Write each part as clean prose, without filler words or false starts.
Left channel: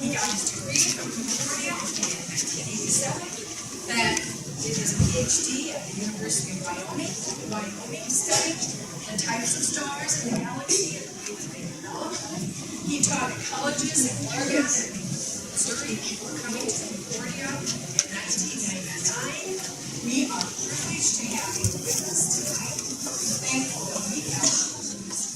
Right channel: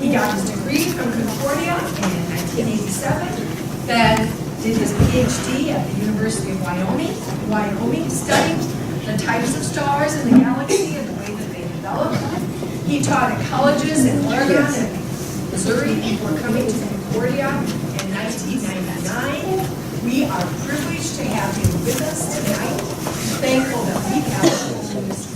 He got his degree from Concordia in 1987, then did his PhD at the University of Wyoming, studying the types of stars in the galaxy and the way that they develop. He taught at colleges in Oregon and Missouri before coming to Concordia in 1999. We are privileged to have him with us tonight. Thankful that we have him.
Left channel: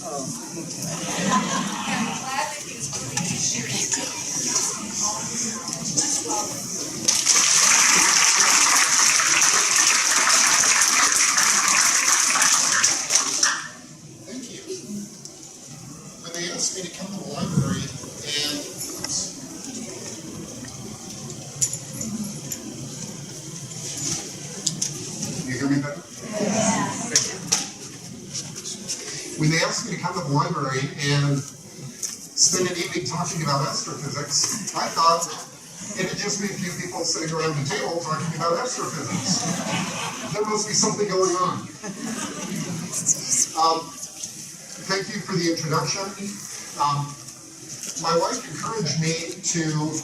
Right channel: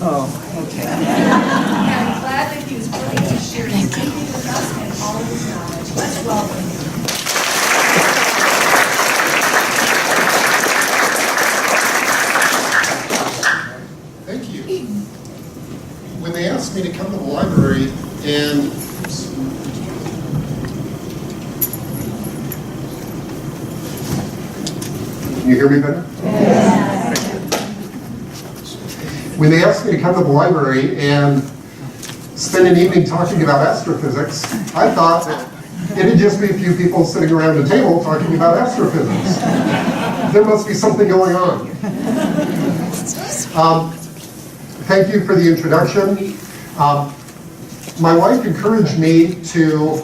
Okay. And glad that he was willing to share his thinking with us and all of his knowledge. Let's welcome him. Thank you. When they asked me to come to the library and can you hear me better? When they asked me to come to the library and spend an evening talking about astrophysics, I thought that it'd just be a few people sitting around a table talking about astrophysics. There must be something going on. Thank you for the introduction. My wife encouraged me to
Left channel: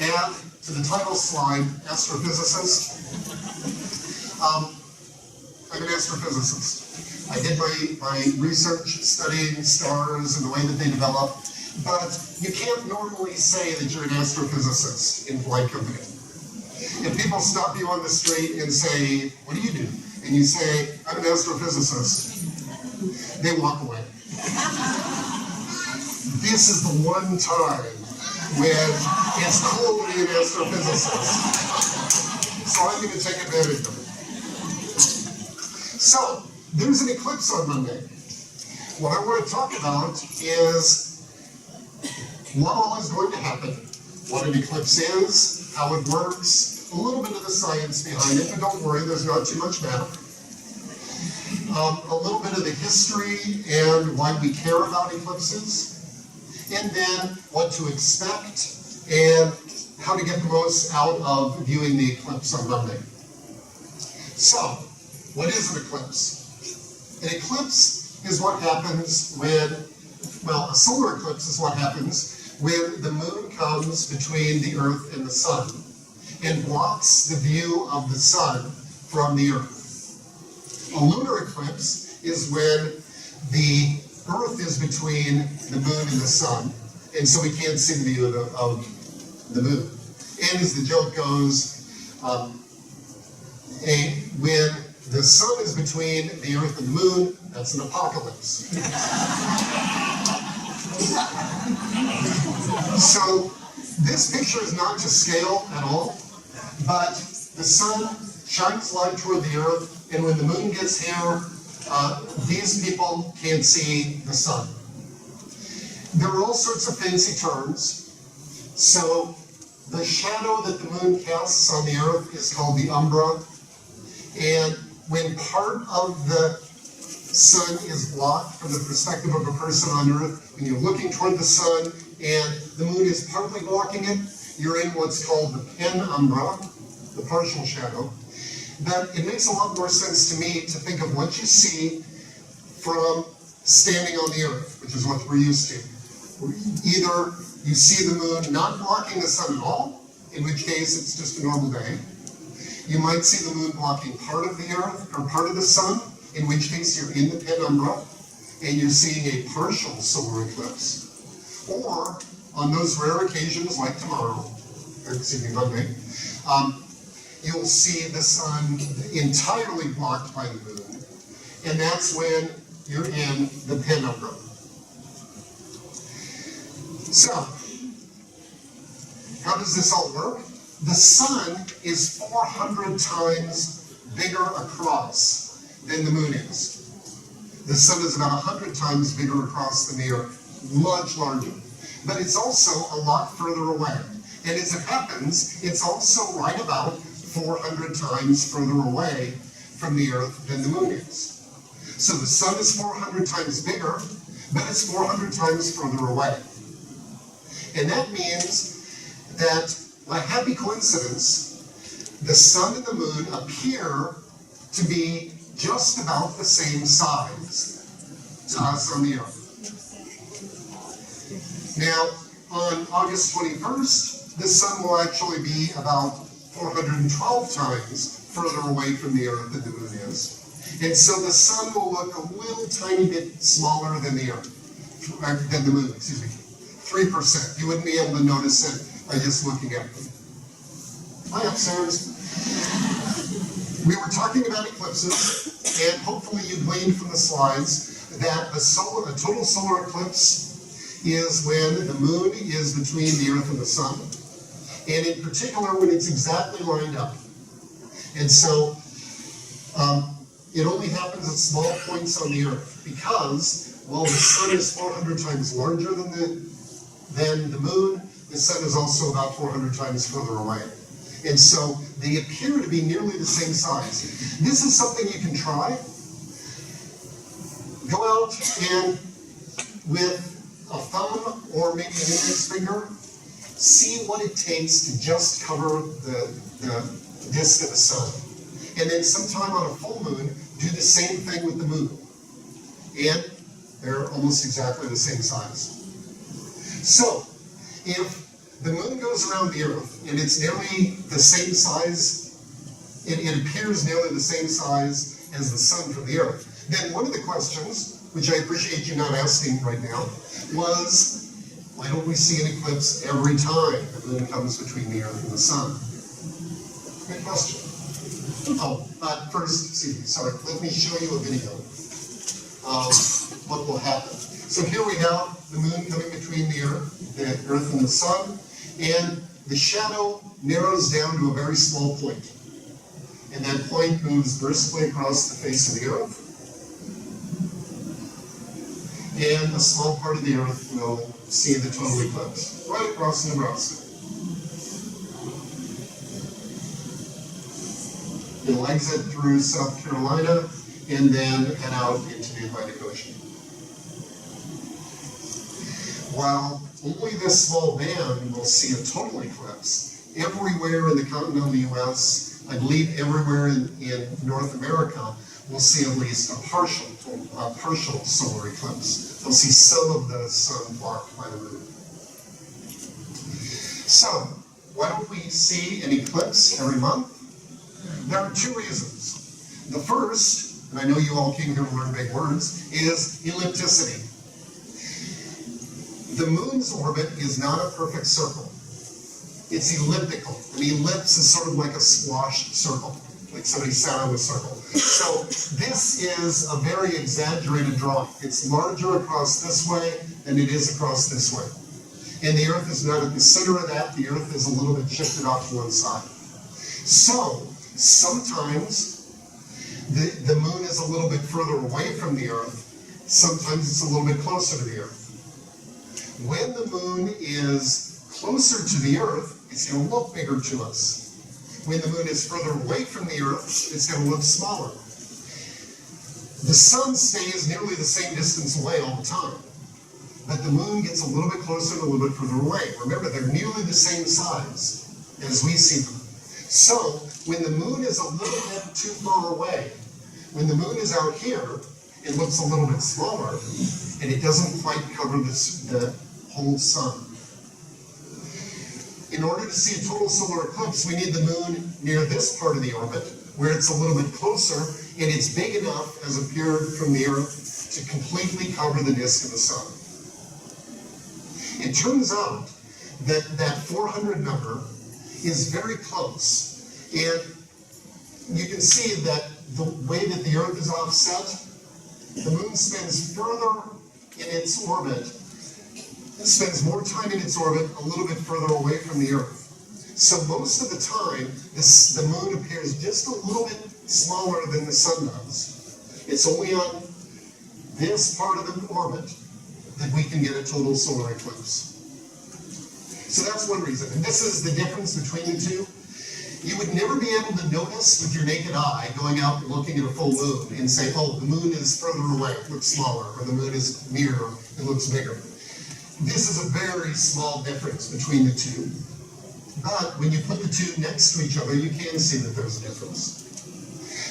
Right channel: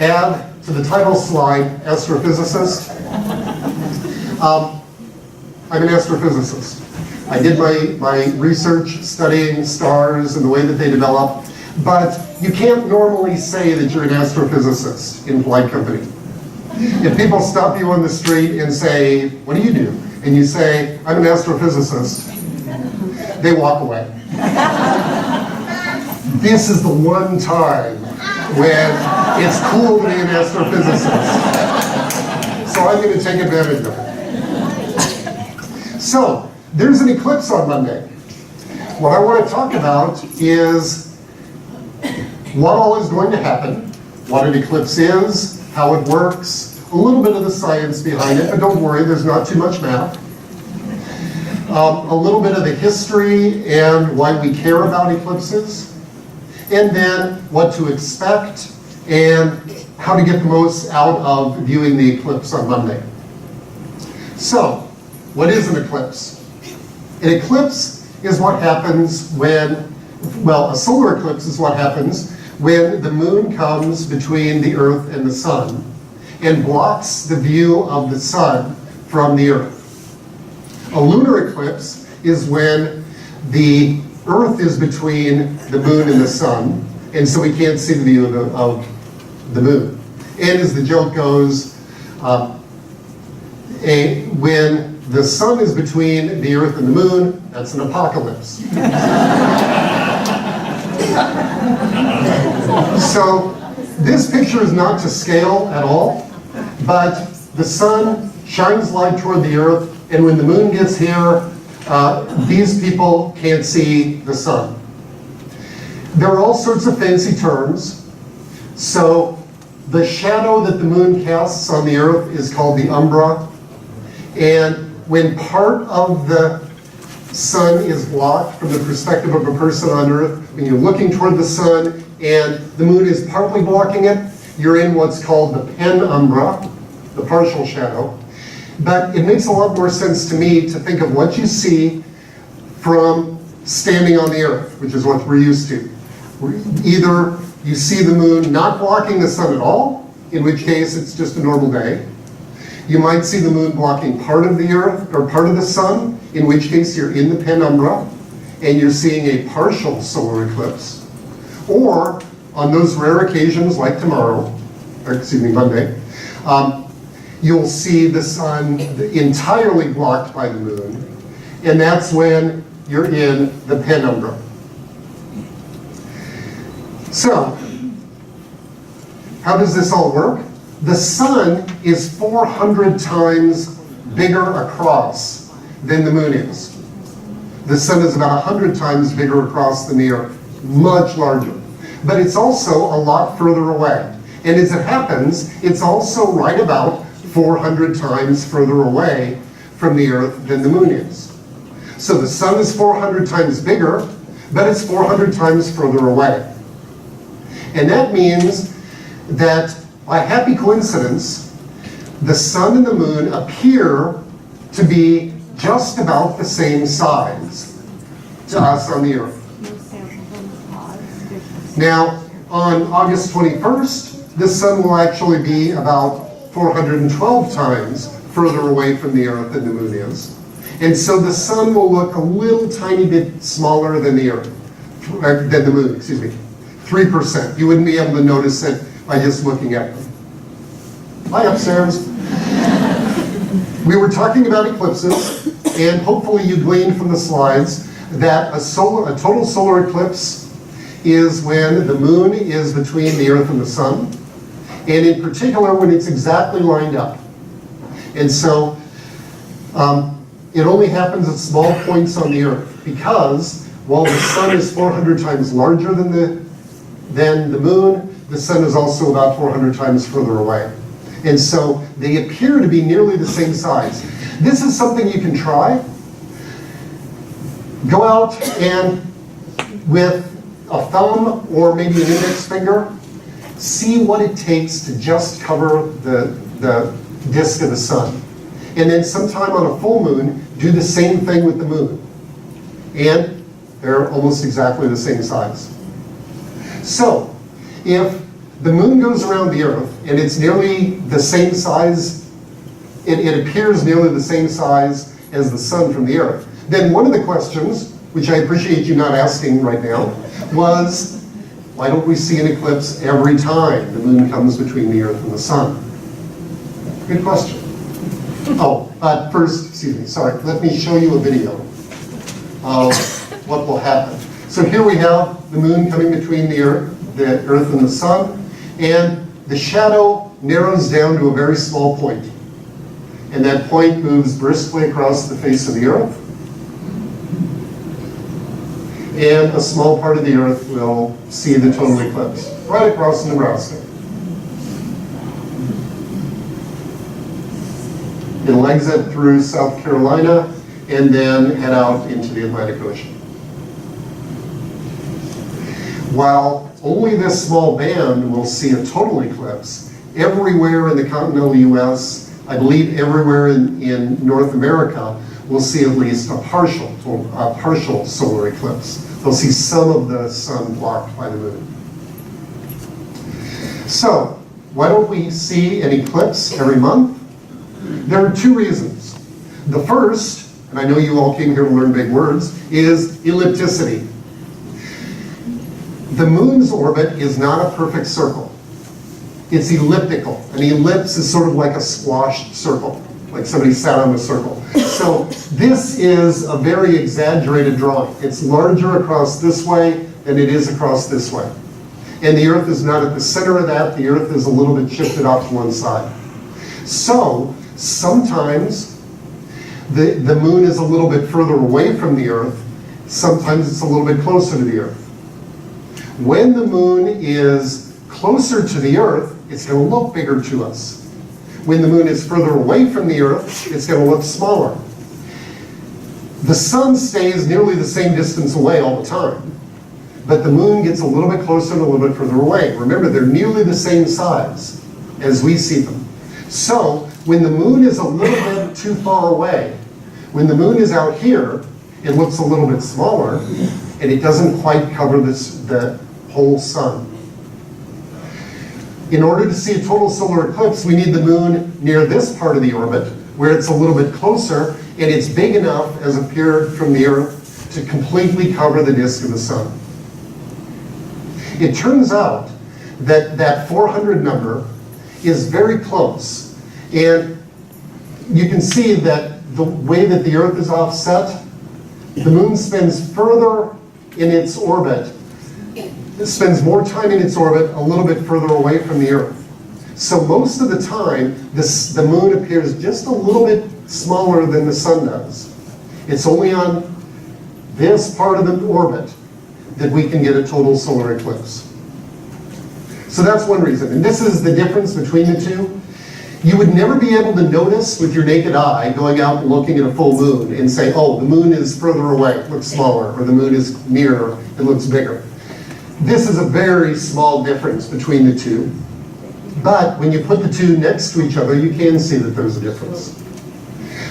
add to the title slide, astrophysicist. I'm an astrophysicist. I did my research studying stars and the way that they develop, but you can't normally say that you're an astrophysicist in flight company. If people stop you on the street and say, what do you do? And you say, I'm an astrophysicist, they walk away. This is the one time when it's cool to be an astrophysicist. So I'm going to take advantage of it. So, there's an eclipse on Monday. What I want to talk about is what all is going to happen, what an eclipse is, how it works, a little bit of the science behind it, but don't worry, there's not too much math. A little bit of the history and why we care about eclipses, and then what to expect and how to get the most out of viewing the eclipse on Monday. So, what is an eclipse? An eclipse is what happens when, well, a solar eclipse is what happens when the moon comes between the Earth and the sun and blocks the view of the sun from the Earth. A lunar eclipse is when the Earth is between the moon and the sun, and so we can't see the view of the moon. And as the joke goes, when the sun is between the Earth and the moon, that's an apocalypse. So this picture is not to scale at all, but the sun shines light toward the Earth, and when the moon gets here, these people can't see the sun. There are all sorts of fancy terms. So the shadow that the moon casts on the Earth is called the umbra, and when part of the sun is blocked from the perspective of a person on Earth, when you're looking toward the sun and the moon is partly blocking it, you're in what's called the penumbra, the partial shadow. But it makes a lot more sense to me to think of what you see from standing on the Earth, which is what we're used to. Either you see the moon not blocking the sun at all, in which case it's just a normal day. You might see the moon blocking part of the Earth or part of the sun, in which case you're in the penumbra and you're seeing a partial solar eclipse. Or on those rare occasions like Monday, you'll see the sun entirely blocked by the moon, and that's when you're in the penumbra. So, how does this all work? The sun is 400 times bigger across than the moon is. The sun is about 100 times bigger across than the Earth, much larger. But it's also a lot further away. And as it happens, it's also right about 400 times further away from the Earth than the moon is. So the sun is 400 times bigger, but it's 400 times further away. And that means that by happy coincidence, the sun and the moon appear to be just about the same size to us on the Earth. Now, on August 21st, the sun will actually be about 412 times further away from the Earth than the moon is. And so the sun will look a little tiny bit smaller than the Earth, than the moon, excuse me. 3%. You wouldn't be able to notice it by just looking at them. Hi, upstairs. We were talking about eclipses, and hopefully you gleaned from the slides that a total solar eclipse is when the moon is between the Earth and the sun, and in particular when it's exactly lined up. And so it only happens at small points on the Earth, because while the sun is 400 times larger than the moon, the sun is also about 400 times further away. And so they appear to be nearly the same size. This is something you can try. Go out and with a thumb or maybe an index finger, see what it takes to just cover the disk of the sun. And then sometime on a full moon, do the same thing with the moon. And they're almost exactly the same size. So, if the moon goes around the Earth and it's nearly the same size, it appears nearly the same size as the sun from the Earth, then one of the questions, which I appreciate you not asking right now, was, why don't we see an eclipse every time the moon comes between the Earth and the sun? Good question. Oh, first, excuse me, sorry, let me show you a video of what will happen. So here we have the moon coming between the Earth and the sun, and the shadow narrows down to a very small point. And that point moves briskly across the face of the Earth. And a small part of the Earth will see the total eclipse, right across Nebraska. It'll exit through South Carolina and then head out into the Atlantic Ocean. While only this small band will see a total eclipse, everywhere in the continental U.S., I believe everywhere in North America, will see at least a partial solar eclipse. They'll see some of the sun blocked by the moon. So, why don't we see an eclipse every month? There are two reasons. The first, and I know you all came here to learn big words, is ellipticity. The moon's orbit is not a perfect circle. It's elliptical. An ellipse is sort of like a squashed circle, like somebody sat on a circle. So this is a very exaggerated drawing. It's larger across this way than it is across this way. And the Earth is not at the center of that. The Earth is a little bit shifted off to one side. So sometimes the moon is a little bit further away from the Earth. Sometimes it's a little bit closer to the Earth. When the moon is closer to the Earth, it's going to look bigger to us. When the moon is further away from the Earth, it's going to look smaller. The sun stays nearly the same distance away all the time, but the moon gets a little bit closer and a little bit further away. Remember, they're nearly the same size as we see them. So, when the moon is a little bit too far away, when the moon is out here, it looks a little bit smaller, and it doesn't quite cover the whole sun. In order to see a total solar eclipse, we need the moon near this part of the orbit, where it's a little bit closer, and it's big enough, as appeared from the Earth, to completely cover the disk of the sun. It turns out that that 400 number is very close, and you can see that the way that the Earth is offset, the moon spends further in its orbit. It spends more time in its orbit a little bit further away from the Earth. So most of the time, the moon appears just a little bit smaller than the sun does. It's only on this part of the orbit that we can get a total solar eclipse. So that's one reason. And this is the difference between the two. You would never be able to notice with your naked eye going out and looking at a full moon and say, oh, the moon is further away, it looks smaller, or the moon is nearer, it looks bigger. This is a very small difference between the two. But when you put the two next to each other, you can see that there's a difference.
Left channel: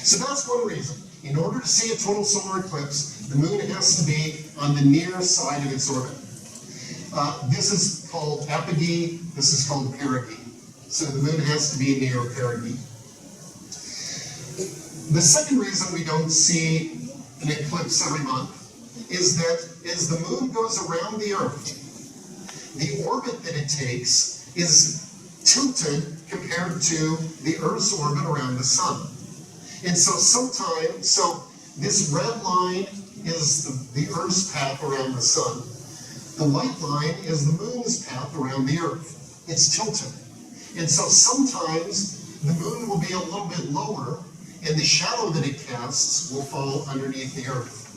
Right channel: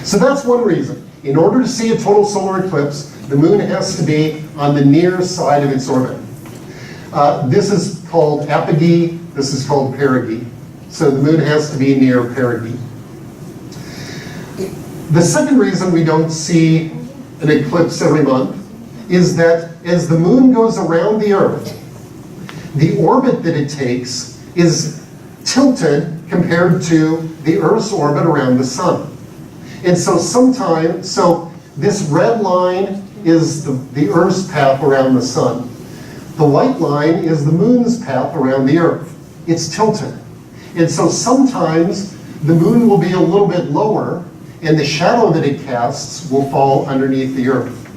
So that's one reason. In order to see a total solar eclipse, the moon has to be on the near side of its orbit. This is called apogee, this is called perigee. So the moon has to be near perigee. The second reason we don't see an eclipse every month is that as the moon goes around the Earth, the orbit that it takes is tilted compared to the Earth's orbit around the sun. And so this red line is the Earth's path around the sun. The white line is the moon's path around the Earth. It's tilted. And so sometimes the moon will be a little bit lower, and the shadow that it casts will fall underneath the Earth.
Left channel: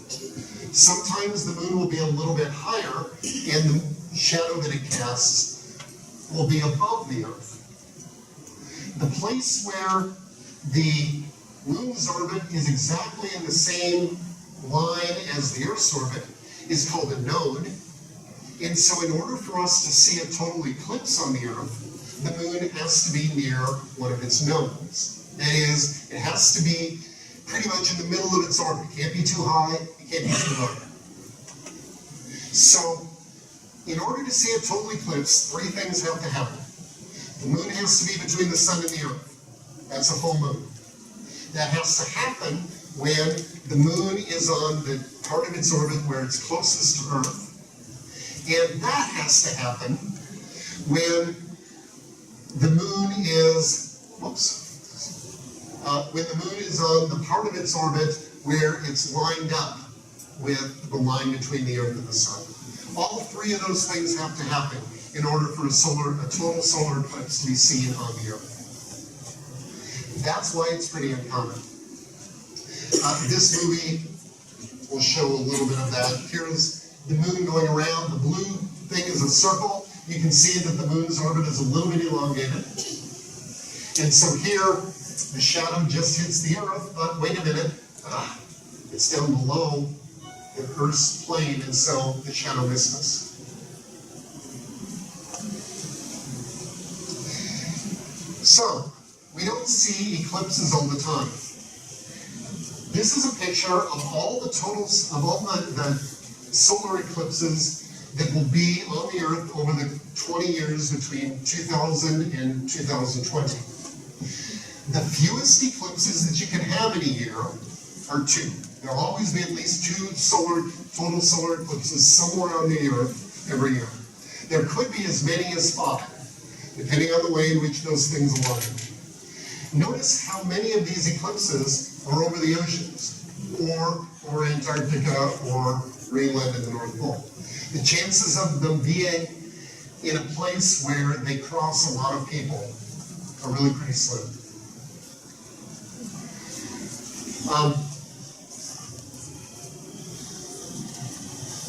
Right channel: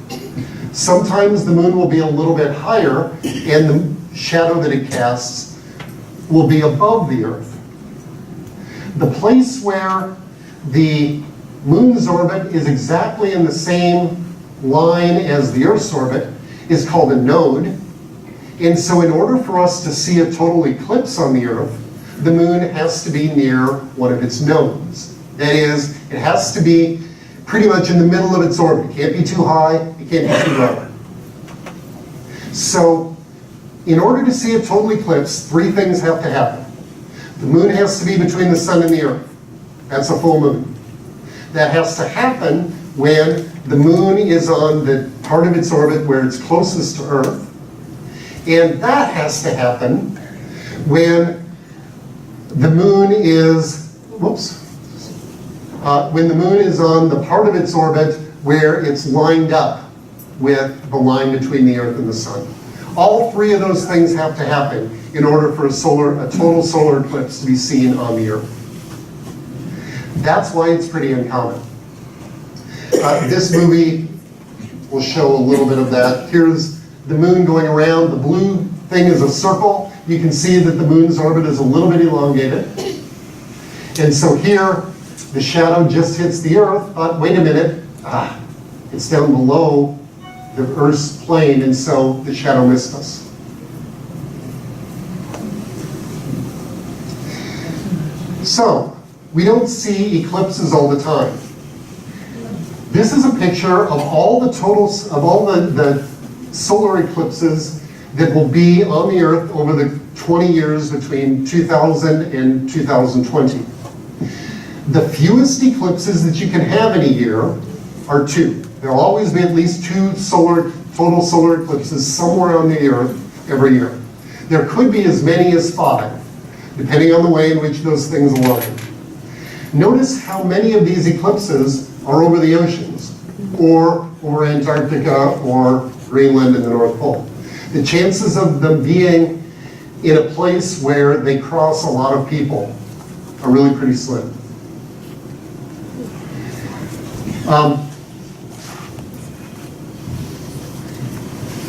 Sometimes the moon will be a little bit higher, and the shadow that it casts will be above the Earth. The place where the moon's orbit is exactly in the same line as the Earth's orbit is called a node. And so in order for us to see a total eclipse on the Earth, the moon has to be near one of its nodes. That is, it has to be pretty much in the middle of its orbit. It can't be too high, it can't be too low. So, in order to see a total eclipse, three things have to happen. The moon has to be between the sun and the Earth. That's a full moon. That has to happen when the moon is on the part of its orbit where it's closest to Earth. And that has to happen when the moon is, when the moon is on the part of its orbit where it's lined up with the line between the Earth and the sun. All three of those things have to happen in order for a total solar eclipse to be seen on the Earth. That's why it's pretty uncommon. This movie will show a little bit of that. Here's the moon going around. The blue thing is a circle. You can see that the moon's orbit is a little bit elongated. And so here, the shadow just hits the Earth, but wait a minute, it's down below the Earth's plane, and so the shadow missed us. So, we don't see eclipses all the time. This is a picture of all the solar eclipses that will be on the Earth over the 20 years between 2000 and 2020. The fewest eclipses that you can have in a year are two. There'll always be at least two total solar eclipses somewhere on the Earth every year. There could be as many as 5, depending on the way in which those things align. Notice how many of these eclipses are over the oceans, or over Antarctica, or Greenland and the North Pole. The chances of them being in a place where they cross a lot of people are really pretty slim.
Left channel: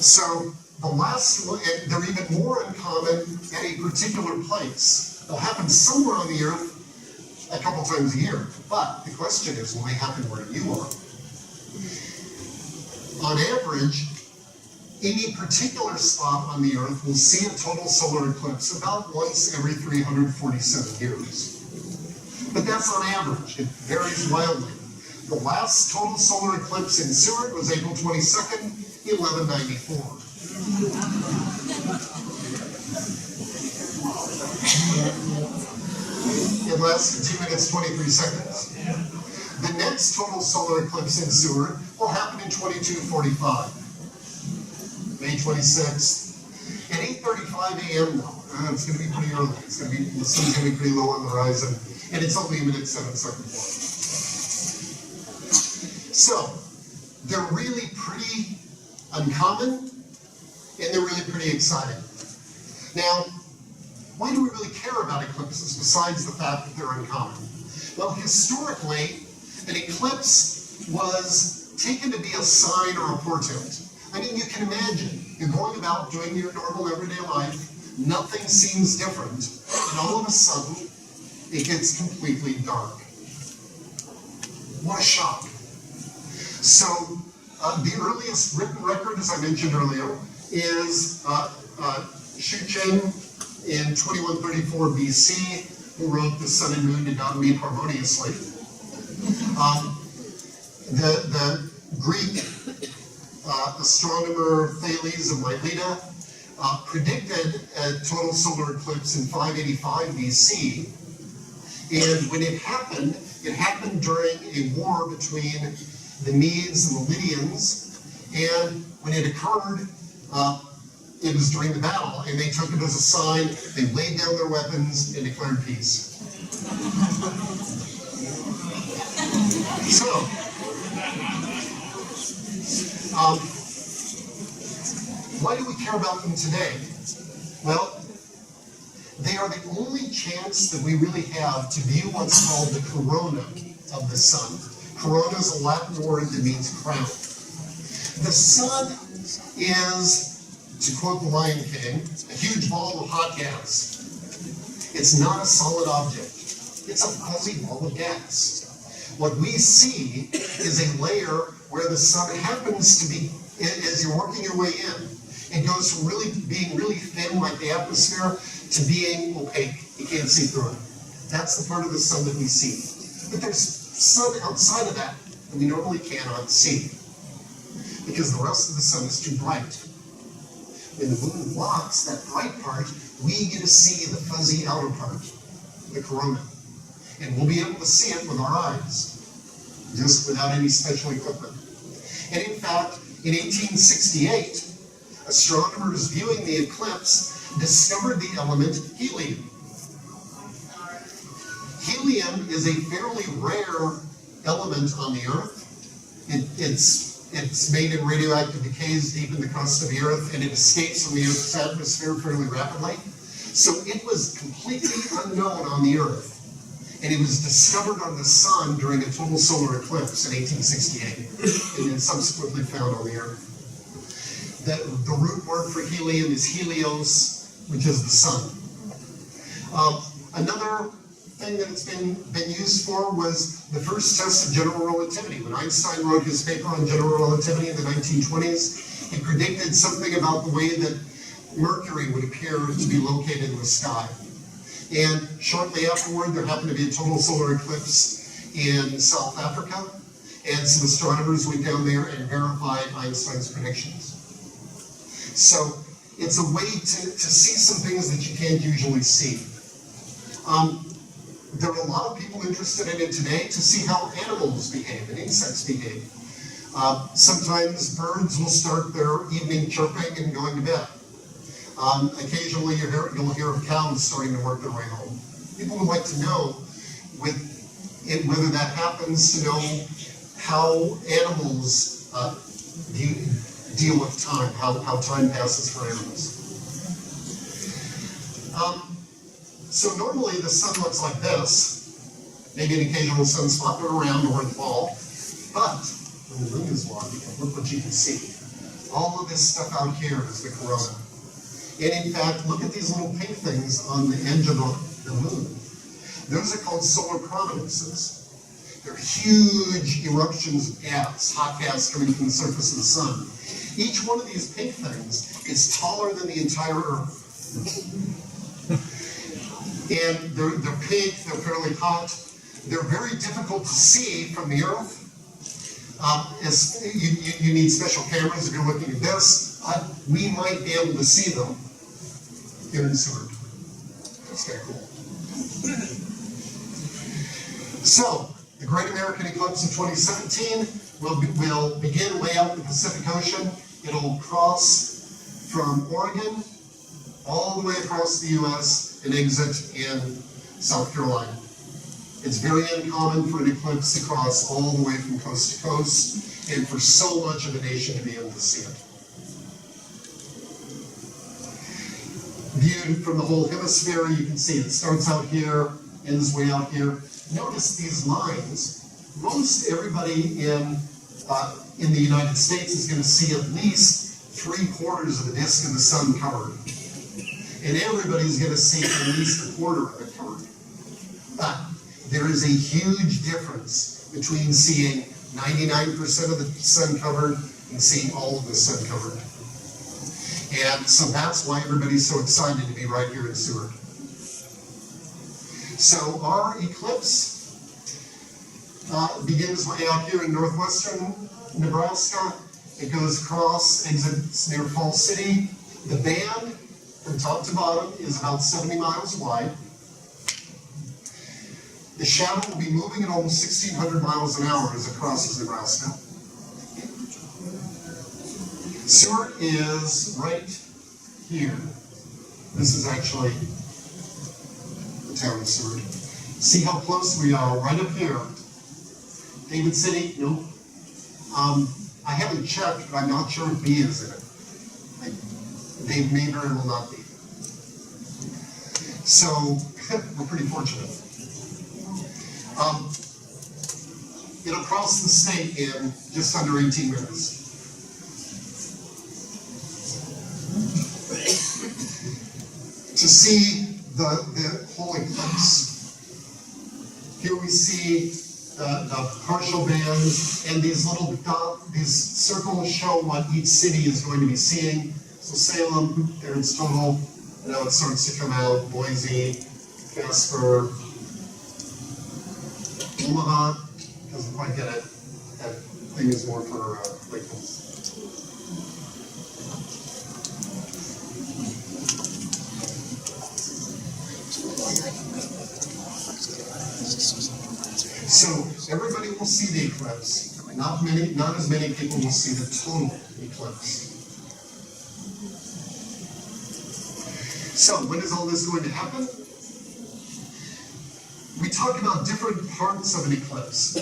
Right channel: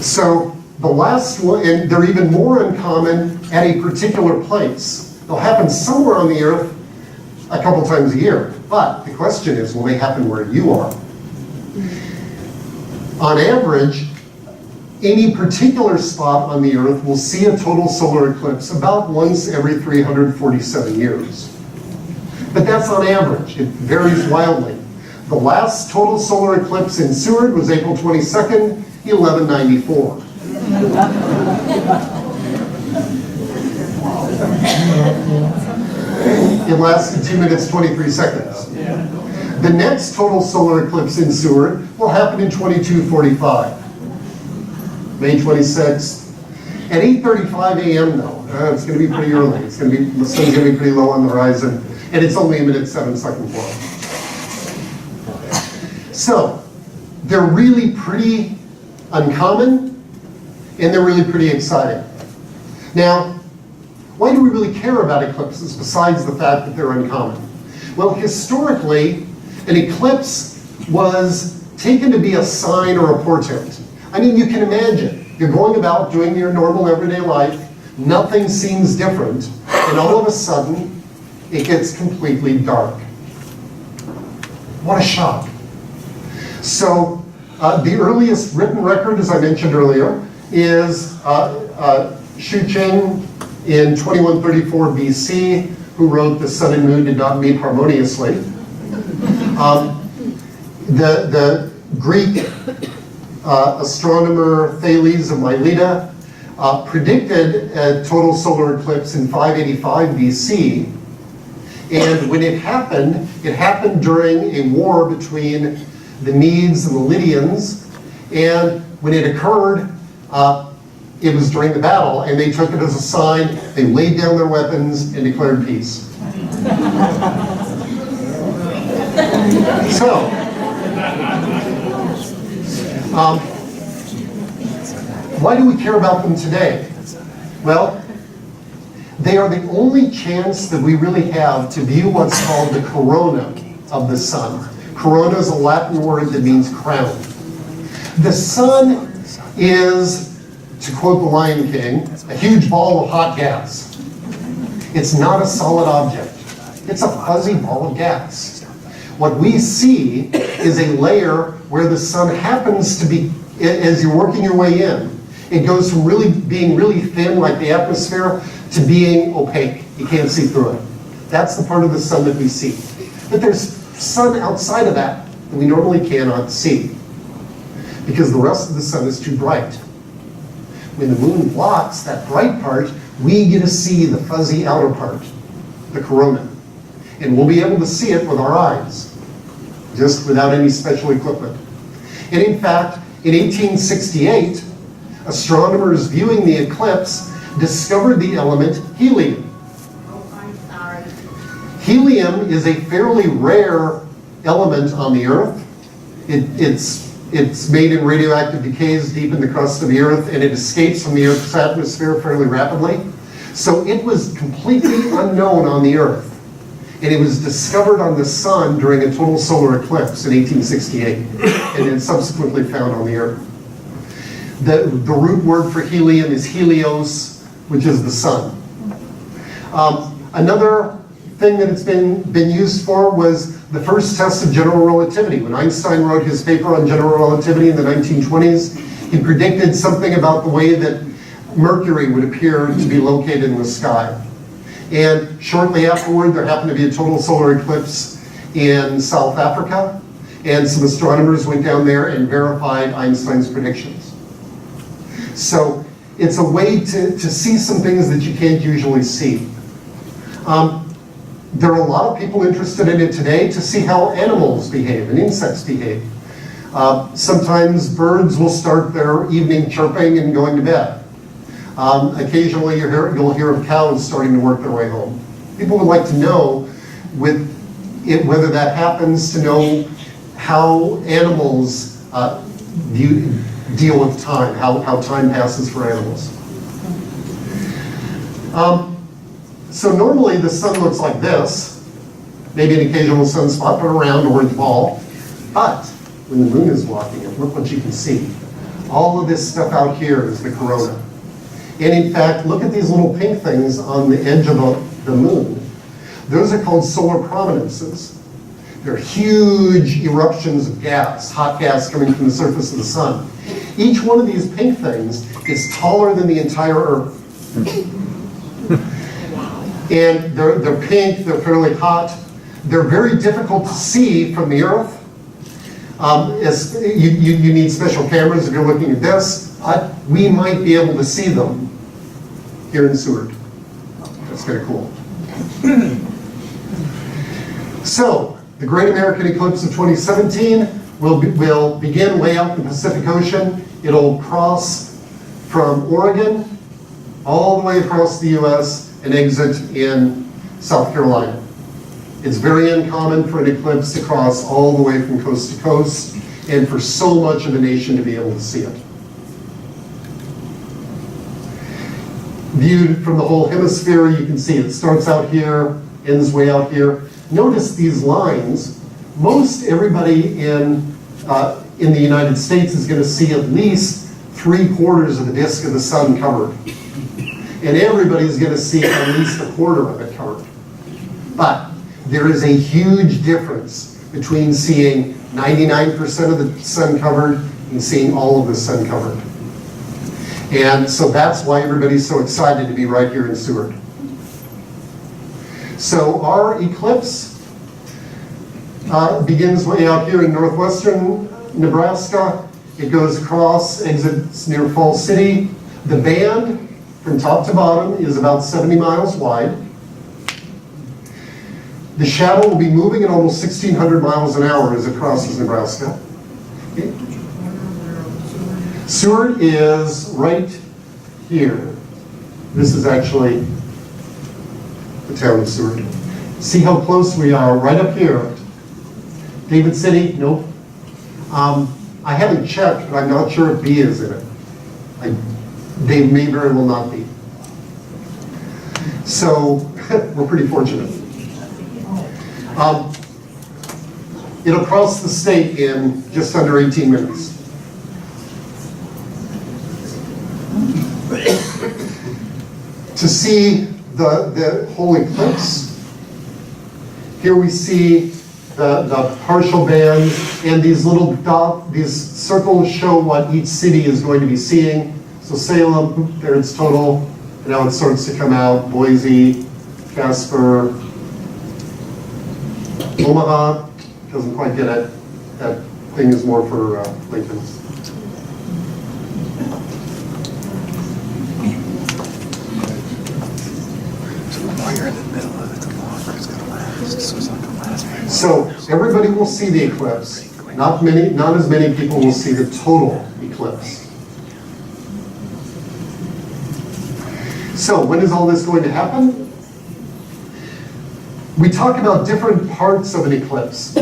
So the last one, and they're even more uncommon at a particular place. They'll happen somewhere on the Earth a couple times a year. But the question is, will they happen where you are? On average, any particular spot on the Earth will see a total solar eclipse about once every 347 years. But that's on average. It varies wildly. The last total solar eclipse in Seward was April 22nd, 1194. It lasted 2 minutes, 23 seconds. The next total solar eclipse in Seward will happen in 2245. May 26th. At 8:35 a.m. though, it's going to be pretty early. The sun's going to be pretty low on the horizon, and it's only 1 minute 7 seconds long. So, they're really pretty uncommon, and they're really pretty exciting. Now, why do we really care about eclipses besides the fact that they're uncommon? Well, historically, an eclipse was taken to be a sign or a portent. I mean, you can imagine, you're going about doing your normal everyday life, nothing seems different, and all of a sudden, it gets completely dark. What a shock. So, the earliest written record, as I mentioned earlier, is Shu Cheng in 2134 BC, who wrote "The sun and moon did not meet harmoniously." The Greek astronomer Thales of Miletus predicted a total solar eclipse in 585 BC. And when it happened during a war between the Medes and the Lydians. And when it occurred, it was during the battle, and they took it as a sign. They laid down their weapons and declared peace. So, why do we care about them today? Well, they are the only chance that we really have to view what's called the corona of the sun. Corona is a Latin word that means crown. The sun is, to quote the Lion King, a huge ball of hot gas. It's not a solid object. It's a fuzzy ball of gas. What we see is a layer where the sun happens to be, as you're working your way in, it goes from being really thin like the atmosphere to being opaque. You can't see through it. That's the part of the sun that we see. But there's sun outside of that we normally cannot see because the rest of the sun is too bright. When the moon blocks that bright part, we get to see the fuzzy outer part, the corona. And we'll be able to see it with our eyes, just without any special equipment. And in fact, in 1868, astronomers viewing the eclipse discovered the element helium. Helium is a fairly rare element on the Earth. It's made in radioactive decays deep in the crust of the Earth, and it escapes from the Earth's atmosphere fairly rapidly. So it was completely unknown on the Earth. And it was discovered on the sun during a total solar eclipse in 1868, and then subsequently found on the Earth. The root word for helium is helios, which is the sun. Another thing that it's been used for was the first test of general relativity. When Einstein wrote his paper on general relativity in the 1920s, he predicted something about the way that Mercury would appear to be located in the sky. And shortly afterward, there happened to be a total solar eclipse in South Africa, and some astronomers went down there and verified Einstein's predictions. So it's a way to see some things that you can't usually see. There are a lot of people interested in it today to see how animals behave and insects behave. Sometimes birds will start their evening chirping and going to bed. Occasionally you'll hear of cows starting to work their way home. People would like to know whether that happens, to know how animals deal with time, how time passes for animals. So normally the sun looks like this, maybe an occasional sunspot, but a round orange ball. But when the moon is blocking it, look what you can see. All of this stuff out here is the corona. And in fact, look at these little pink things on the edge of the moon. Those are called solar prominences. They're huge eruptions of gas, hot gas coming from the surface of the sun. Each one of these pink things is taller than the entire Earth. And they're pink, they're fairly hot. They're very difficult to see from the Earth. You need special cameras if you're looking at this. We might be able to see them here in Seward. That's kind of cool. So, the Great American Eclipse of 2017 will begin way out in the Pacific Ocean. It'll cross from Oregon all the way across the US and exit in South Carolina. It's very uncommon for an eclipse to cross all the way from coast to coast and for so much of the nation to be able to see it. Viewed from the whole hemisphere, you can see it starts out here, ends way out here. Notice these lines. Most everybody in the United States is going to see at least 3/4 of the disk of the sun covered. And everybody's going to see at least 1/4 of it covered. But there is a huge difference between seeing 99% of the sun covered and seeing all of the sun covered. And so that's why everybody's so excited to be right here in Seward. So our eclipse begins way out here in northwestern Nebraska. It goes across, exits near Falls City, The band from top to bottom is about 70 miles wide. The shadow will be moving at almost 1,600 miles an hour as it crosses Nebraska. Okay. Seward is right here. This is actually the town of Seward. See how close we are, right up here. David City, nope. I haven't checked, but I'm not sure if B is in it. They may very well not be. So, we're pretty fortunate. It'll cross the state in just under 18 minutes. To see the whole eclipse, here we see the partial bands, and these little these circles show what each city is going to be seeing. So Salem, there it's total, and now it starts to come out. Boise, Casper, Omaha, doesn't quite get it. That thing is more for Lincoln. So everybody will see the eclipse. Not as many people will see the total eclipse. So when is all this going to happen? We talk about different parts of an eclipse.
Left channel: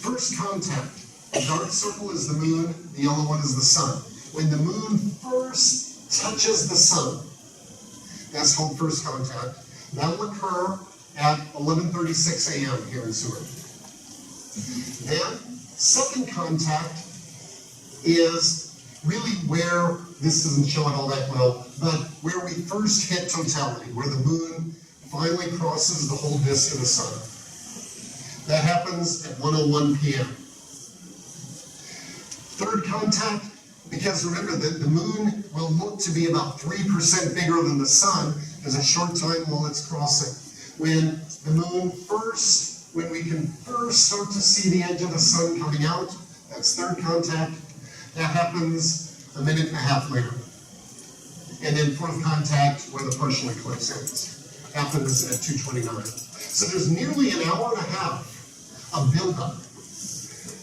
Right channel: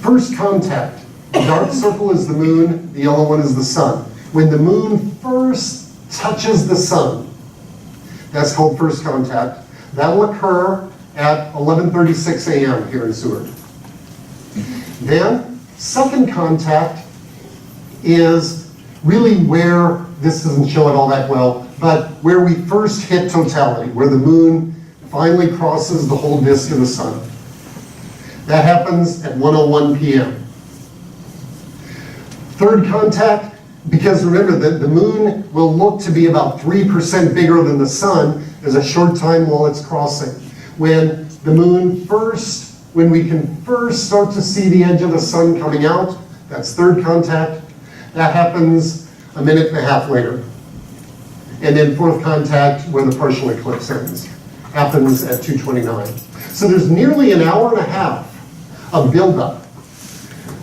First contact. The dark circle is the moon, the yellow one is the sun. When the moon first touches the sun, that's called first contact. That will occur at 11:36 a.m. here in Seward. Then, second contact is really where, this doesn't show it all that well, but where we first hit totality, where the moon finally crosses the whole disk of the sun. That happens at 1:01 p.m. Third contact, because remember that the moon will look to be about 3% bigger than the sun. There's a short time while it's crossing. When the moon when we can first start to see the edge of the sun coming out, that's third contact. That happens a minute and a half later. And then fourth contact, where the partial eclipse ends, happens at 2:29. So there's nearly an hour and a half of buildup.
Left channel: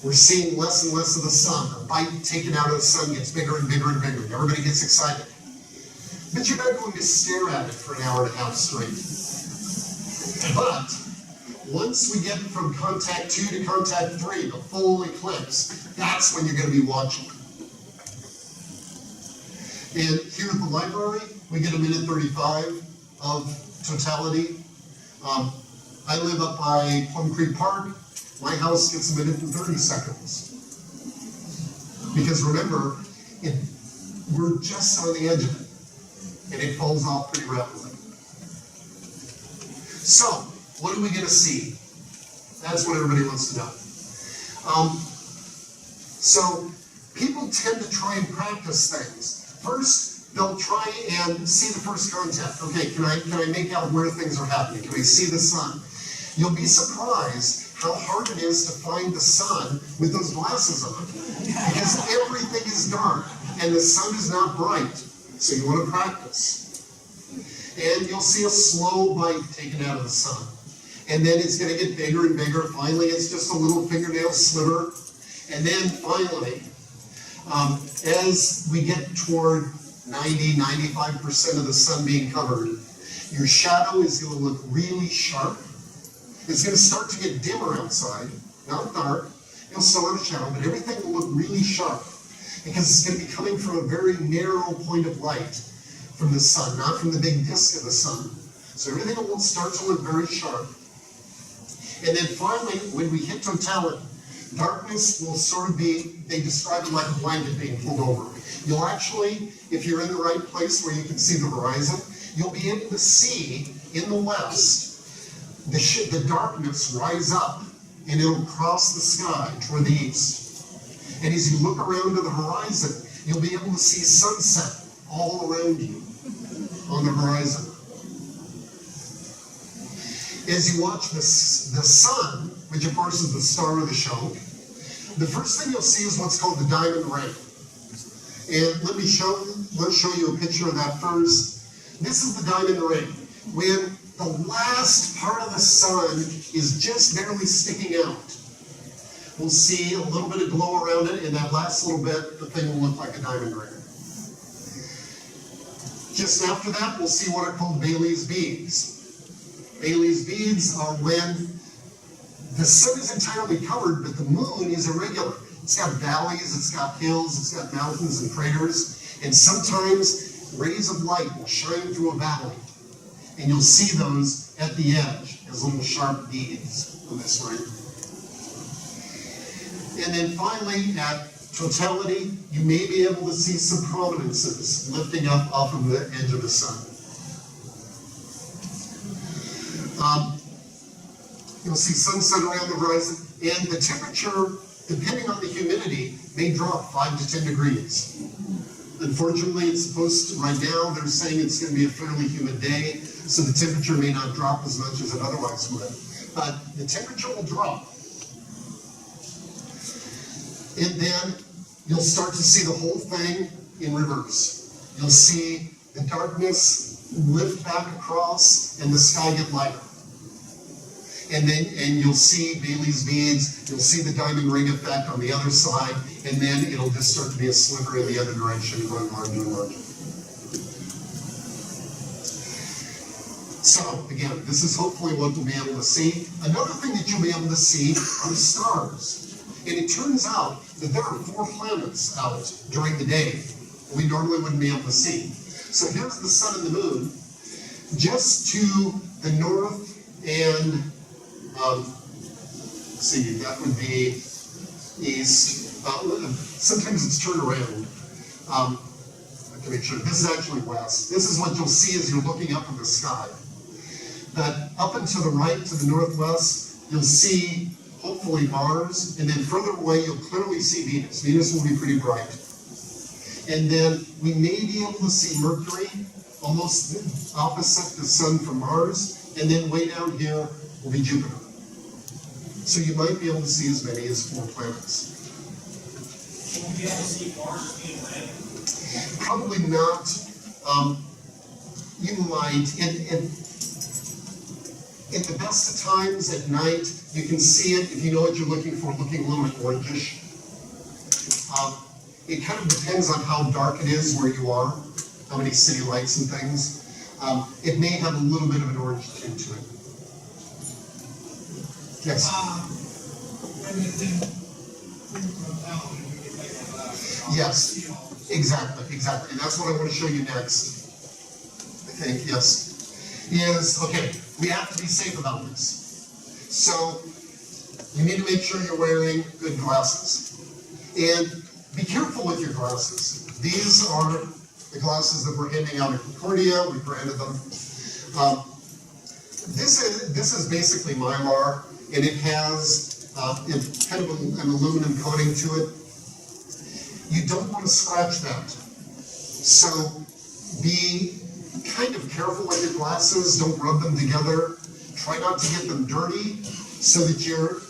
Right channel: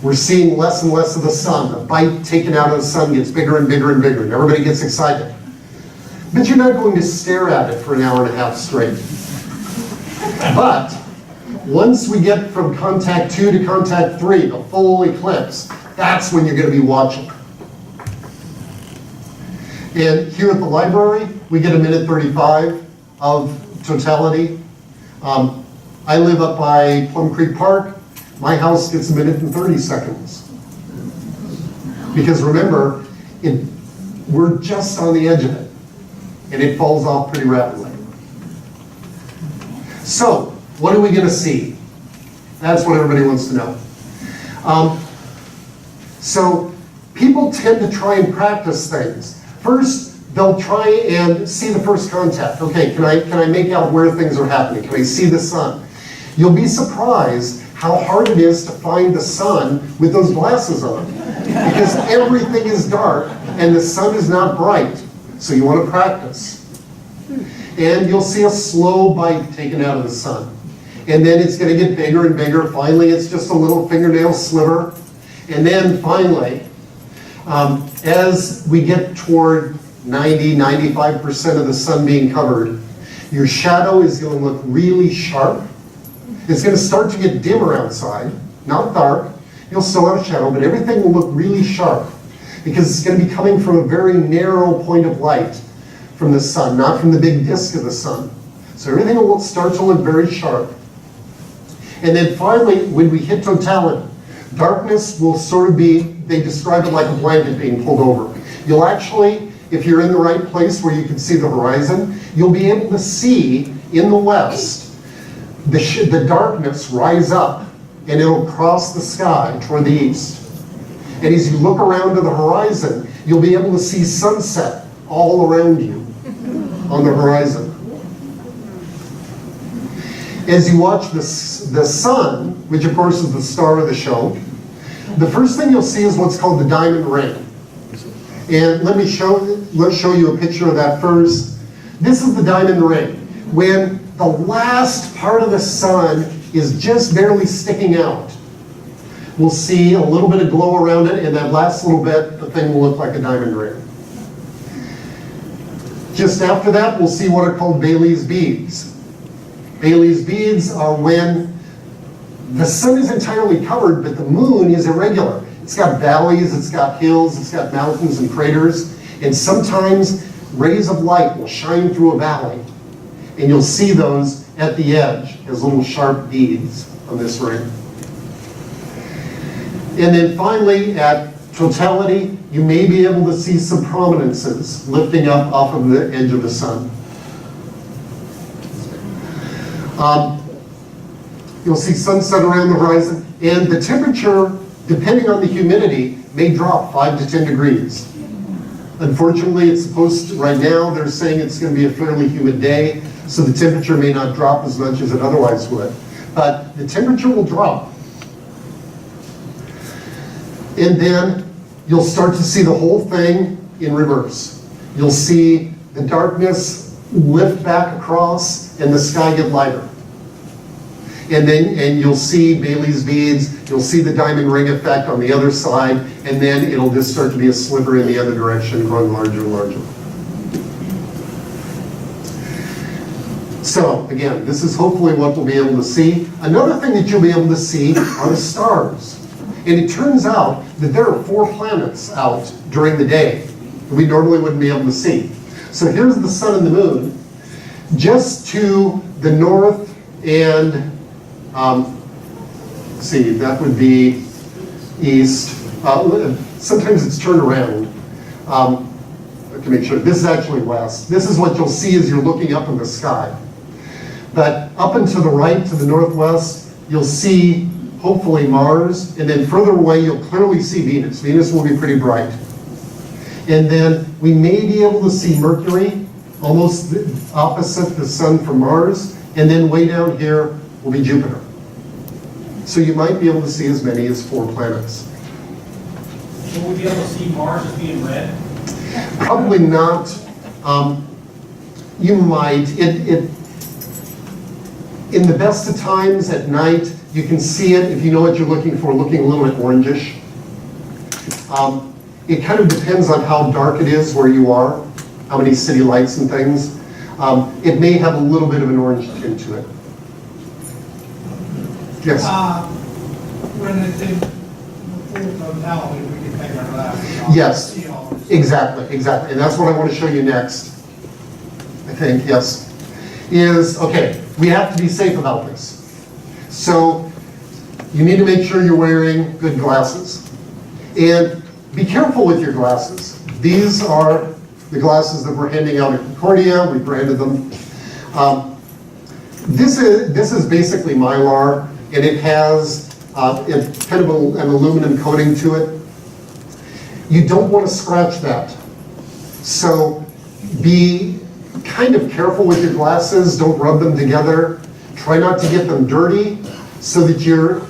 We're seeing less and less of the sun. The bite taken out of the sun gets bigger and bigger and bigger, and everybody gets excited. But you're not going to stare at it for an hour and a half straight. But once we get from contact 2 to contact 3, the full eclipse, that's when you're going to be watching. And here at the library, we get 1:35 of totality. I live up by Plum Creek Park. My house gets 1:30 seconds. Because remember, we're just on the edge of it, and it falls off pretty rapidly. So, what are we going to see? That's what everybody wants to know. So, people tend to try and practice things. First, they'll try and see the first contact. Okay, can I make out where things are happening? Can I see the sun? You'll be surprised how hard it is to find the sun with those glasses on. Because everything is dark and the sun is not bright. So you want to practice. And you'll see a slow bite taken out of the sun. And then it's going to get bigger and bigger. Finally, it's just a little fingernail sliver. And then finally, as we get toward 90–95% of the sun being covered, your shadow is going to look really sharp. It's going to start to get dimmer outside, not dark. You'll still have a shadow, but everything will look really sharp because it's going to be coming from a very narrow point of light from the sun, not from the big disk of the sun. So everything will start to look very sharp. And then finally, when we hit totality, darkness will sort of be, they describe it like a blanket being pulled over. You'll actually, if you're in the right place where you can see the horizon, you'll be able to see in the west the darkness rise up, and it'll cross the sky toward the east. And as you look around to the horizon, you'll be able to see sunset all around you on the horizon. As you watch the sun, which of course is the star of the show, the first thing you'll see is what's called the diamond ring. And let me show you. let's show you a picture of that first. This is the diamond ring. When the last part of the sun is just barely sticking out, we'll see a little bit of glow around it, and that last little bit, the thing will look like a diamond ring. Just after that, we'll see what are called Bailey's beads. Bailey's beads are when the sun is entirely covered, but the moon is irregular. It's got valleys, it's got hills, it's got mountains and craters, and sometimes rays of light will shine through a valley, and you'll see those at the edge as little sharp beads on this ring. And then finally, at totality, you may be able to see some prominences lifting up off of the edge of the sun. You'll see sunset around the horizon, and the temperature, depending on the humidity, may drop 5 to 10 degrees. Unfortunately, it's supposed to, right now, they're saying it's going to be a fairly humid day, so the temperature may not drop as much as it otherwise would. But the temperature will drop. And then you'll start to see the whole thing in reverse. You'll see the darkness lift back across and the sky get lighter. And you'll see Bailey's beads, you'll see the diamond ring effect on the other side, and then it'll just start to be a sliver in the other direction, growing larger and larger. So, again, this is hopefully what we'll be able to see. Another thing that you'll be able to see are the stars. And it turns out that there are 4 planets out during the day that we normally wouldn't be able to see. So here's the sun and the moon. Just to the north and, let's see, that would be east. Sometimes it's turned around to make sure. This is actually west. This is what you'll see as you're looking up in the sky. But up and to the right, to the northwest, you'll see hopefully Mars, and then further away you'll clearly see Venus. Venus will be pretty bright. And then we may be able to see Mercury, almost opposite the sun from Mars, and then way down here will be Jupiter. So you might be able to see as many as 4 planets. Will we be able to see Mars as being red? Probably not. You might. In the best of times at night, you can see it, if you know what you're looking for, looking a little bit orangish. It kind of depends on how dark it is where you are, how many city lights and things. It may have a little bit of an orange tint to it. Yes? When it did the full totality, we could take our last. Yes, exactly. And that's what I want to show you next, I think, yes. Okay, we have to be safe about this. So you need to make sure you're wearing good glasses. And be careful with your glasses. These are the glasses that we're handing out at Concordia. We branded them. This is basically Mylar, and it has kind of an aluminum coating to it. You don't want to scratch that. So be kind of careful with your glasses. Don't rub them together. Try not to get them dirty so that you're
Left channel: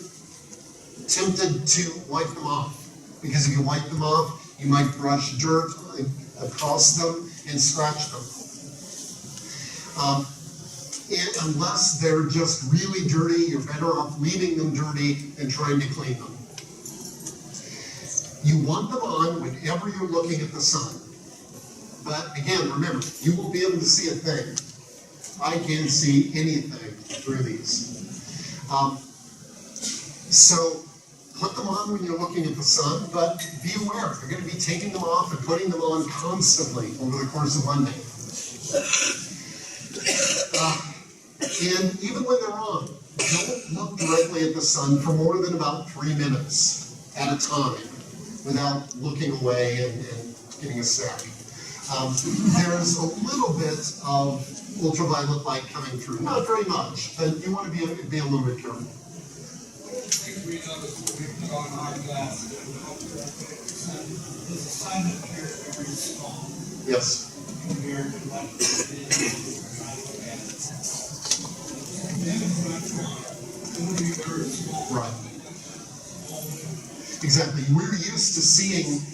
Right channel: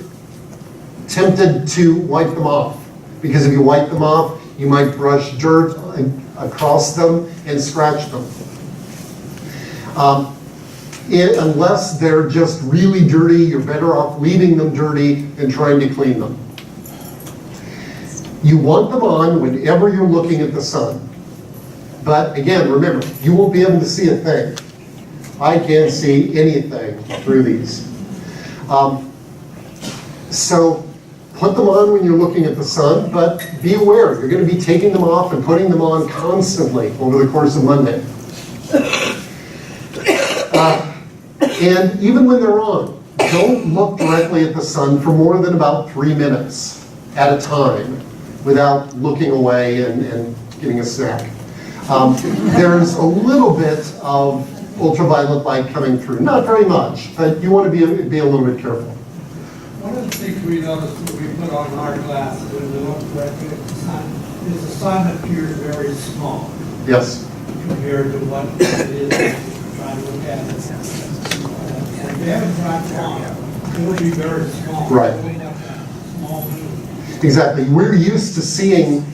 tempted to wipe them off. Because if you wipe them off, you might brush dirt across them and scratch them. Unless they're just really dirty, you're better off leaving them dirty than trying to clean them. You want them on whenever you're looking at the sun. But again, remember, you won't be able to see a thing. I can't see anything through these. So put them on when you're looking at the sun, but be aware, you're going to be taking them off and putting them on constantly over the course of Monday. And even when they're on, don't look directly at the sun for more than about 3 minutes at a time without looking away and getting a snack. There's a little bit of ultraviolet light coming through. Not very much, but you want to be a little bit careful. One of the things we noticed that we put on our glasses when we look directly at the sun is the sun appears very small Yes. compared to what it is trying to look at. And if you have it right on, it'll be very small. Right. Way down there, small. Exactly. We're used to seeing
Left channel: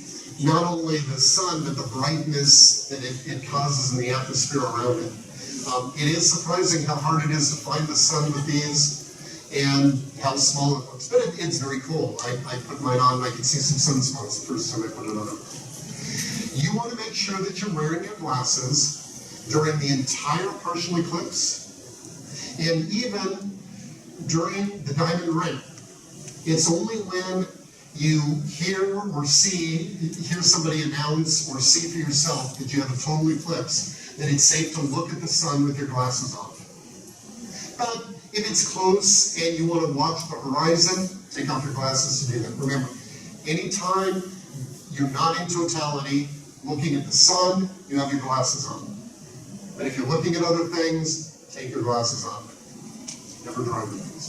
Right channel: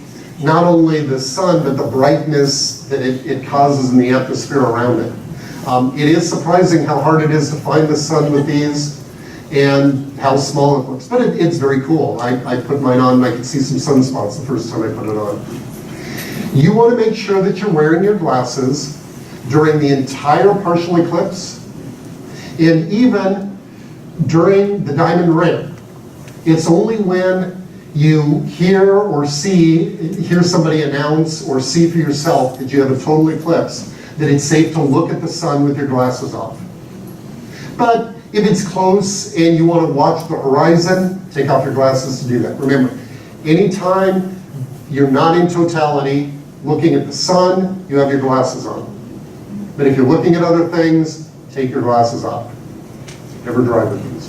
not only the sun, but the brightness that it causes in the atmosphere around it. It is surprising how hard it is to find the sun with these and how small it looks, but it's very cool. I put mine on and I could see some sunspots the first time I put it on. You want to make sure that you're wearing your glasses during the entire partial eclipse and even during the diamond ring. It's only when you hear somebody announce or see for yourself that you have a total eclipse that it's safe to look at the sun with your glasses off. But if it's close and you want to watch the horizon, take off your glasses to do that. Remember, anytime you're not in totality, looking at the sun, you have your glasses on. But if you're looking at other things, take your glasses off. Never drive with these.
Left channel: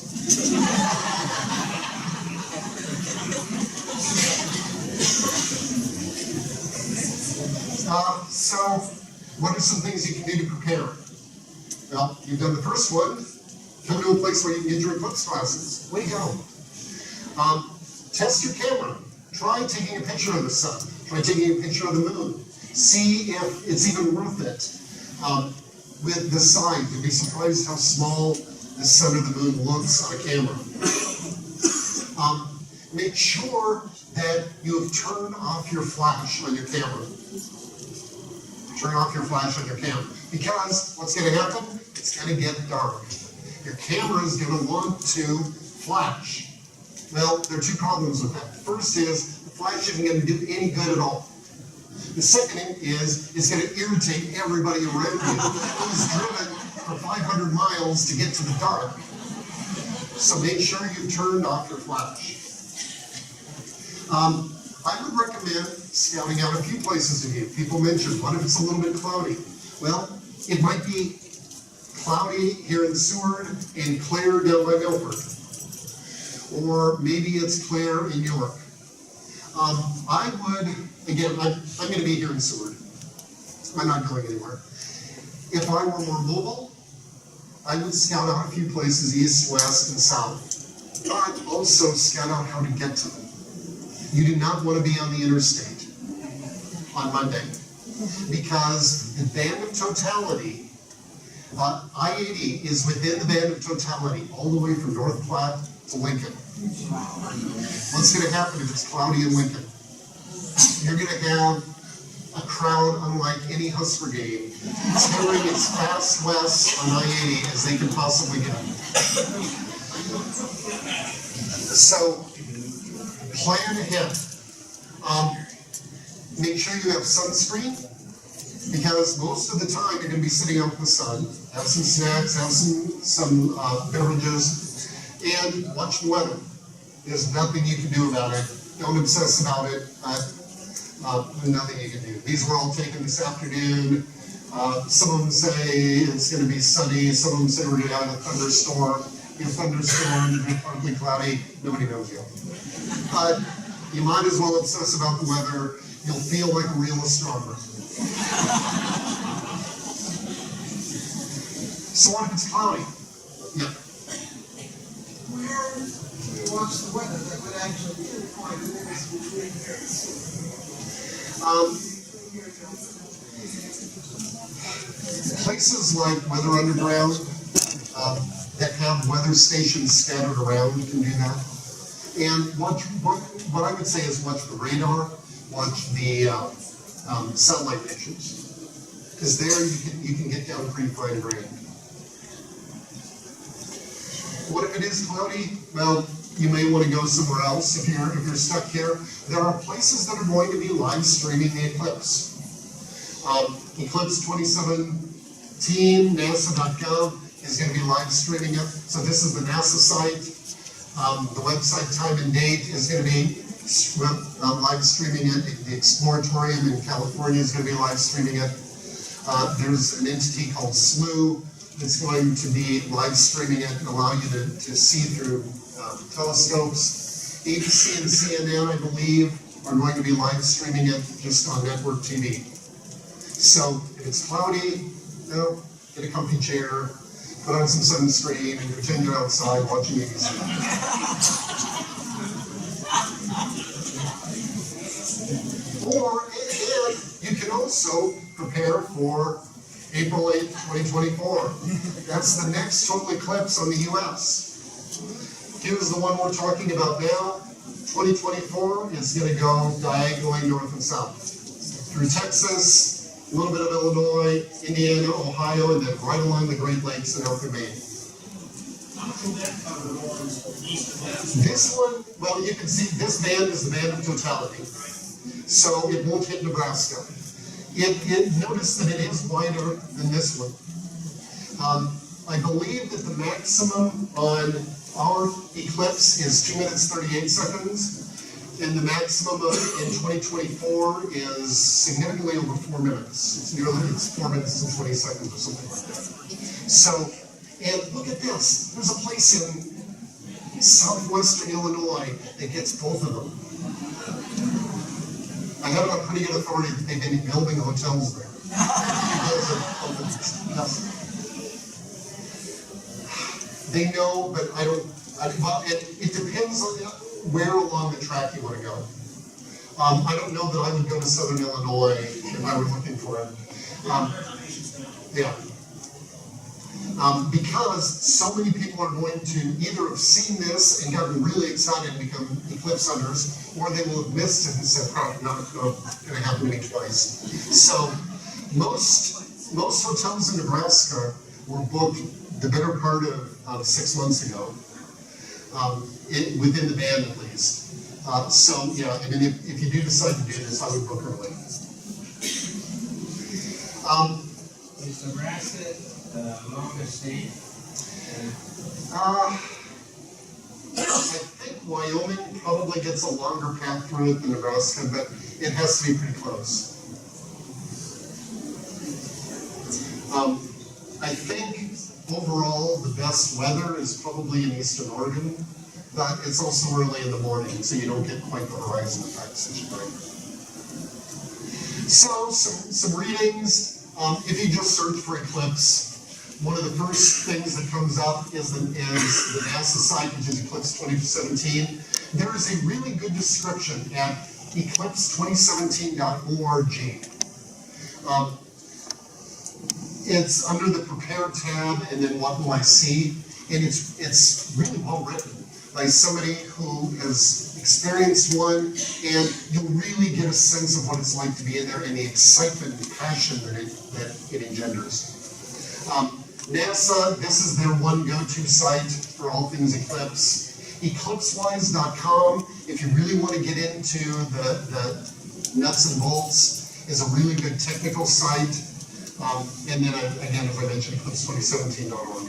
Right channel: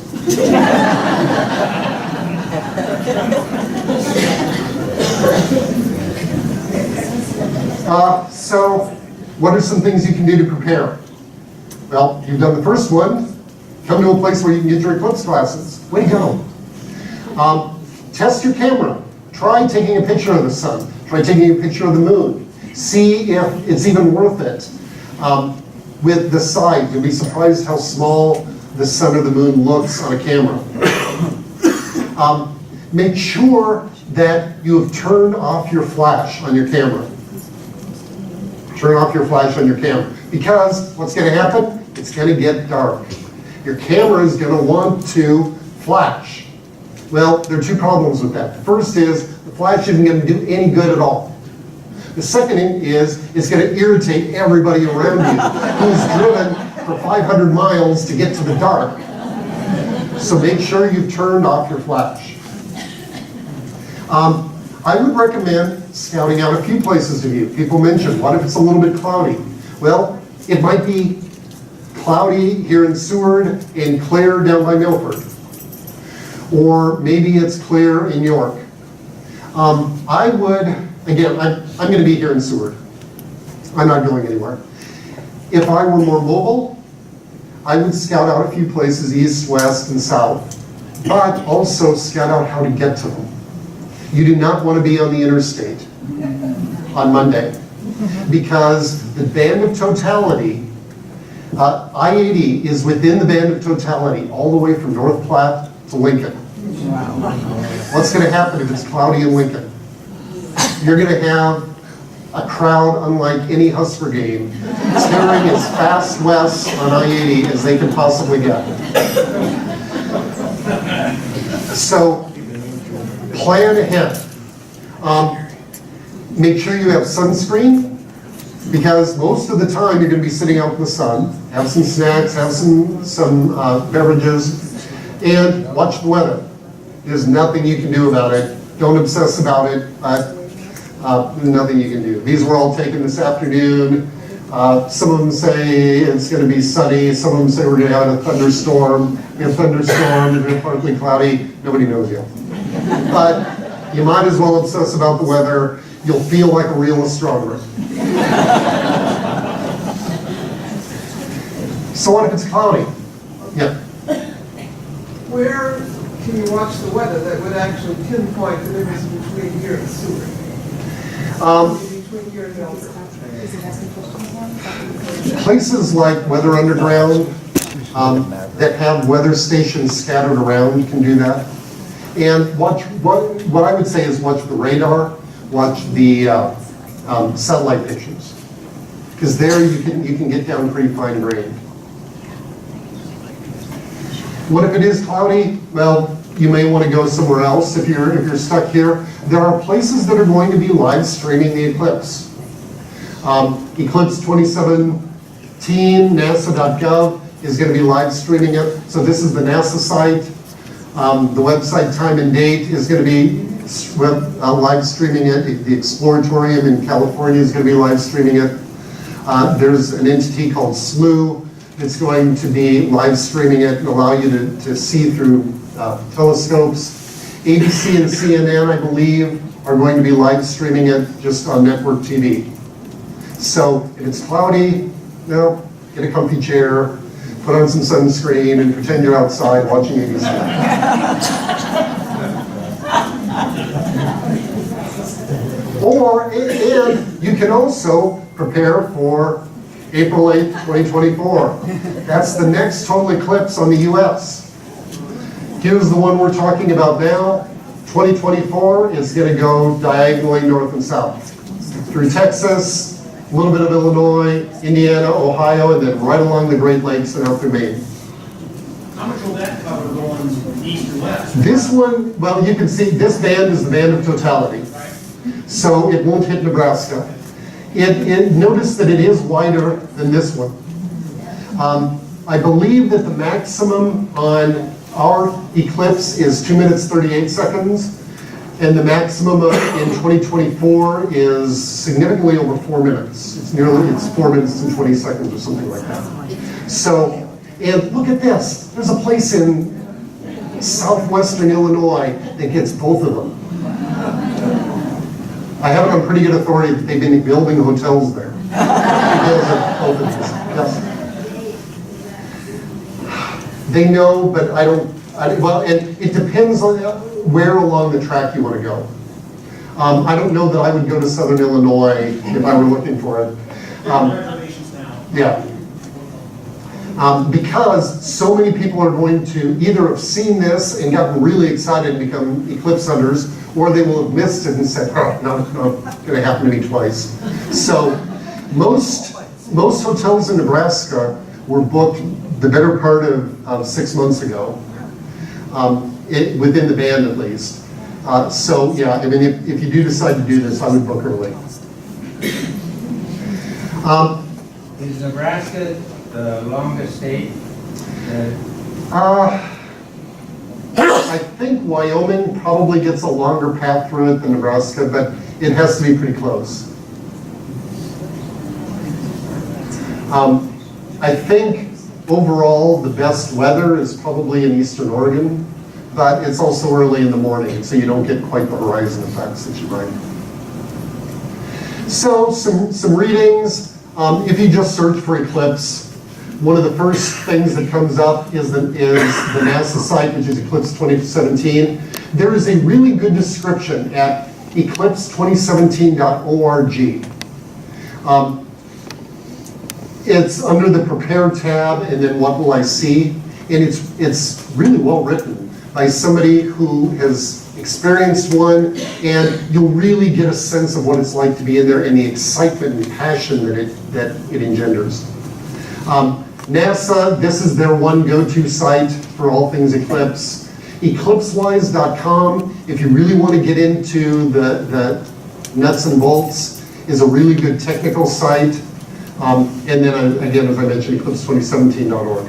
So, what are some things you can do to prepare? Well, you've done the first one. Come to a place where you can get your eclipse glasses. Way to go. Test your camera. Try taking a picture of the sun. Try taking a picture of the moon. See if it's even worth it. With the sight, you'll be surprised how small the sun or the moon looks on a camera. Make sure that you have turned off your flash on your camera. Turn off your flash on your camera. Because what's going to happen? It's going to get dark. Your camera is going to want to flash. Well, there are two problems with that. The first is the flash isn't going to do any good at all. The second is it's going to irritate everybody around you who's driven for 500 miles to get to the dark. So make sure you've turned off your flash. I would recommend scouting out a few places to view. People mentioned, what if it's a little bit cloudy? Well, it might be cloudy here in Seward and clear down by Milford. Or maybe it's clear in York. I would, again, I'm going to be here in Seward. I'm not going anywhere. If I were more mobile, I would scout out a few places, east, west, and south, but also scout out how to get to them. You do not want to be on the interstate on Monday, because the band of totality, I-80 is within the band of totality all the way from North Platte to Lincoln. Wow. What's going to happen if it's cloudy in Lincoln? You're going to have a crowd unlike any Husker game, tearing as fast west on I-80 as they can possibly get. So, plan ahead. Make sure you have sunscreen, because most of the time you're going to be sitting out in the sun. Have some snacks, have some beverages, and watch the weather. There's nothing you can do about it. Don't obsess about it, but nothing you can do. These were all taken this afternoon. Some of them say it's going to be sunny. Some of them say we're going to have a thunderstorm. We have thunderstorm, and we're partly cloudy. Nobody knows yet. But you might as well obsess about the weather. You'll feel like a real astronomer. So what if it's cloudy? Yeah. Where can you watch the weather that would actually pinpoint the difference between here and Seward? Between here and Milford? Places like Weather Underground that have weather stations scattered around can do that. And watch what I would say is watch the radar, watch the satellite pictures, because there you can get down pretty fine grained. What if it is cloudy? Well, you may want to go somewhere else if you're stuck here. There are places that are going to be live streaming the eclipse. Eclipse 2017, NASA.gov is going to be live streaming it. So this is the NASA site. The website time and date is going to be live streaming it. The Exploratorium in California is going to be live streaming it. There's an entity called SLU that's going to be live streaming it and allow you to see through telescopes. ABC and CNN, I believe, are going to be live streaming it just on network TV. So if it's cloudy, get a comfy chair, put on some sunscreen, and pretend you're outside watching ABC. And you can also prepare for April 8th, 2024. That's the next total eclipse on the US. Here's the one we're talking about now. 2024 is going to go diagonally north and south. Through Texas, a little bit of Illinois, Indiana, Ohio, and then right along the Great Lakes and out through Maine. How much will that cover going east and west? This one, well, you can see this band is the band of totality. So it won't hit Nebraska. Notice that it is wider than this one. I believe that the maximum on our eclipse is 2 minutes 38 seconds, and the maximum in 2024 is significantly over 4 minutes. It's 4 minutes and 20 seconds or something like that. So, and look at this. There's a place in southwestern Illinois that gets both of them. I have it on pretty good authority that they've been building hotels there. Yes. They know, but I don't, well, and it depends on where along the track you want to go. I don't know that I would go to southern Illinois if I were looking for it. Yeah. Because so many people are going to either have seen this and gotten really excited and become eclipse hunters, or they will have missed it and said, oh, no, going to happen to me twice. So most hotels in Nebraska were booked the better part of 6 months ago, within the band at least. So yeah, I mean, if you do decide to do this, I would book early. Is Nebraska the longest state? I think Wyoming probably gets a longer path through it than Nebraska, but it has to be pretty close. I think overall the best weather is probably in eastern Oregon, but it's also early in the morning, so you don't get quite the horizon effects that you might. So some readings. If you just search for eclipse, one of the first things that comes up is the NASA site, which is Eclipse 2017. There is a really good description at eclipse2017.org. It's under the Prepare tab, and then What Will I See? And it's really well written by somebody who has experienced one, and you'll really get a sense of what it's like to be in there and the excitement and passion that it engenders. NASA, this is their one go-to site for all things eclipse. Eclipsewise.com, if you really want to get into the nuts and bolts, is a really good technical site. And then again, as I mentioned, eclipse2017.org.